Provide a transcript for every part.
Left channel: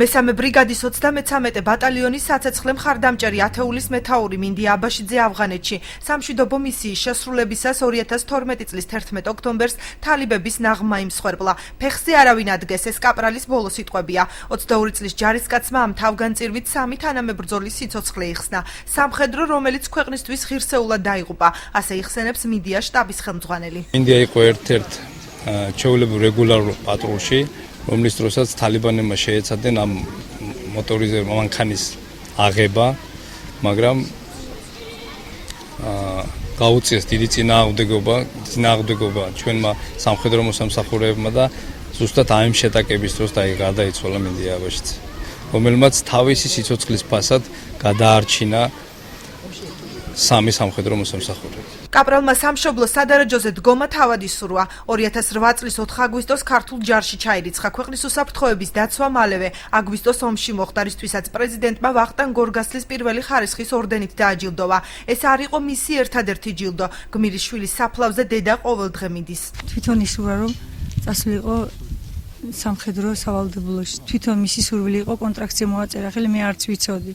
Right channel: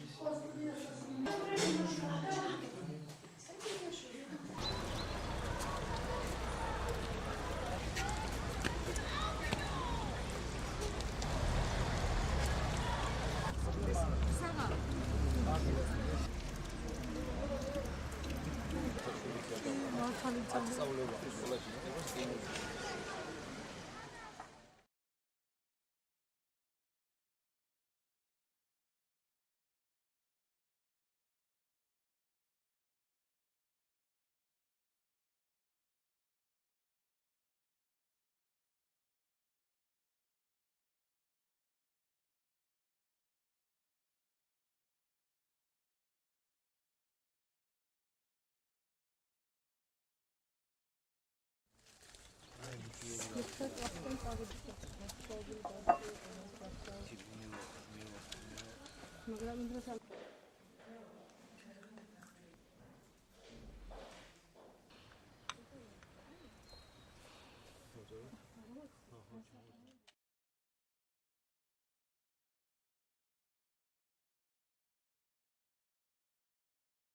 მესამე ბრიგადის 33 ბატალიონის საცეცხლე მხარდამჭერი ათეულის მეთაური მინდია აბაშიძე ავღანეთში სამშვიდობო მისიის შესრულებისას 2012 წლის 11 ოქტომბერს თალიბების ნაღმა იმსხვერპლა. ფეხზე არავინ ადგეს, ეს კაპრალის ბოლო სიტყვებია. 22 წლის ჯარისკაცმა ამ თავგანწირვით 3 თანამებრძოლის სიცოცხლე იხსნა. სამხედრო, რომელიც ქვეყნისთვის ღირსეულად დაიღუპა, ასე იხსენებს მინდიას შტაბის ხელმძღვანელი. მინდია იყო ერთ-ერთ ჩვეულებრივ რეგულარულ პატრულში, რომლის დროსაც თალიბანებმა შეეცადნენ ამ მოტორიზებულ მანქანის აღება, მაგრამ გაუწიეს დიდი წინააღმდეგობა ჩვენმა სამხედრო მოსამსახურეებმა და ზუსტად ამ შეტაკების დროს გადაიცვალა მინდია აბაშიძე, რომელმაც თავისი სიცოცხლის ფასად გადაარჩინა 3 სამხედრო მოსამსახურე. კაპრალმა სამშობლო სადარაჯოზე დგომა თავად ისურვა. 2008 წლის 4 აგვისტოს ქართულ ჯარში ჩაირიცხა. ქვეყნის უსაფრთხოების დაცვა მალევე აგვისტოს ომში მოხდა, რისთვისაც პრეზიდენტმა ვახტანგ გორგასლის პირველი ხარისხის ორდენით დააჯილდოვა. ეს არ იყო მისი ერთადერთი ჯილდო. გმირის შვილის საფლავზე დედა ყოველდღე მიდის. თვითონ ისურვა, რომ წასულიყო სამხედრო სავალდებულოში. თვითონ მისი სურვილი იყო კონტრაქტზე მოაწერა, ხელი მე არც ვიცოდი.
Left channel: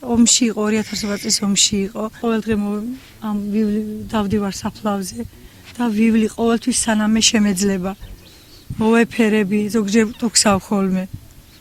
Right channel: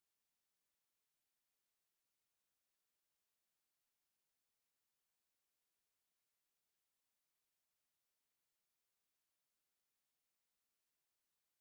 ომში იყო 2008 წლის ომში იყო. ყოველდღე ამ დავდივარ საფლავზე და ვივლი ყოველთვის სანამ მე შემეძლება. მოვეფერები, ზოგჯერ ტოქსავ ხოლმე.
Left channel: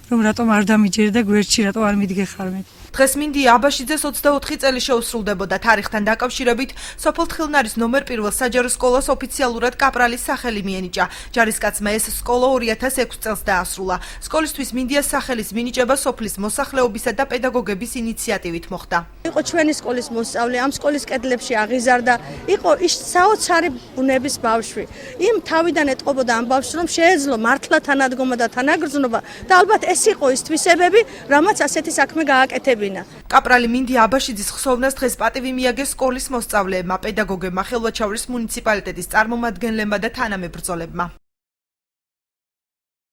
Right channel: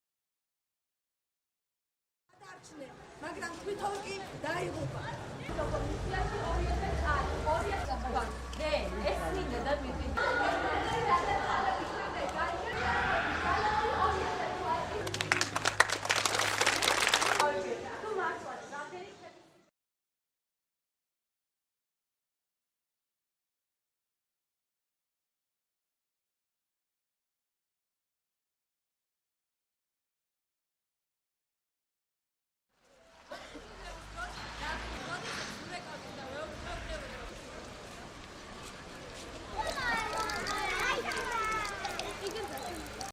რომ რატომ არ დამიჯერდა გვერდში, რატომ არ მიდგეხარ მე. დღეს მინდია აბაშიძეს 24 წელი შეუსრულდებოდა. თარიღთან დაკავშირებით სოფელ თხილნარის ნომერ 1 საჯარო სკოლას ოფიციალურად კაპრალის სახელი მიენიჭა. ჯარისკაცმა ეს სკოლა 2006 წელს დაასრულა. სკოლისთვის მინდიას სახელის მინიჭება სოფლის მოსახლეობისა და პედაგოგების ინიციატივით მოხდა. იყო ჩვენი სკოლის მოსწავლე, ამ სკოლის კედლებში აღიზარდა, იყო საოცარი ბუნების ბავშვი. იმ თავიდან ეტყობოდა ამ ბავშვს, რომ შეეძლო მართლა თანადგომა და თანაგრძნობა და ალბათ ეს იყო ის თვისებები, რამაც ასეთი საქმე გააკეთებინა. კაპრალი მინდია აბაშიძის ხსოვნას დღეს პატივი მიაგეს სკოლის მოსწავლეებმა, პედაგოგებმა, ხელვაჩაურის მუნიციპალიტეტის წარმომადგენლებმა და თანამებრძოლებმა.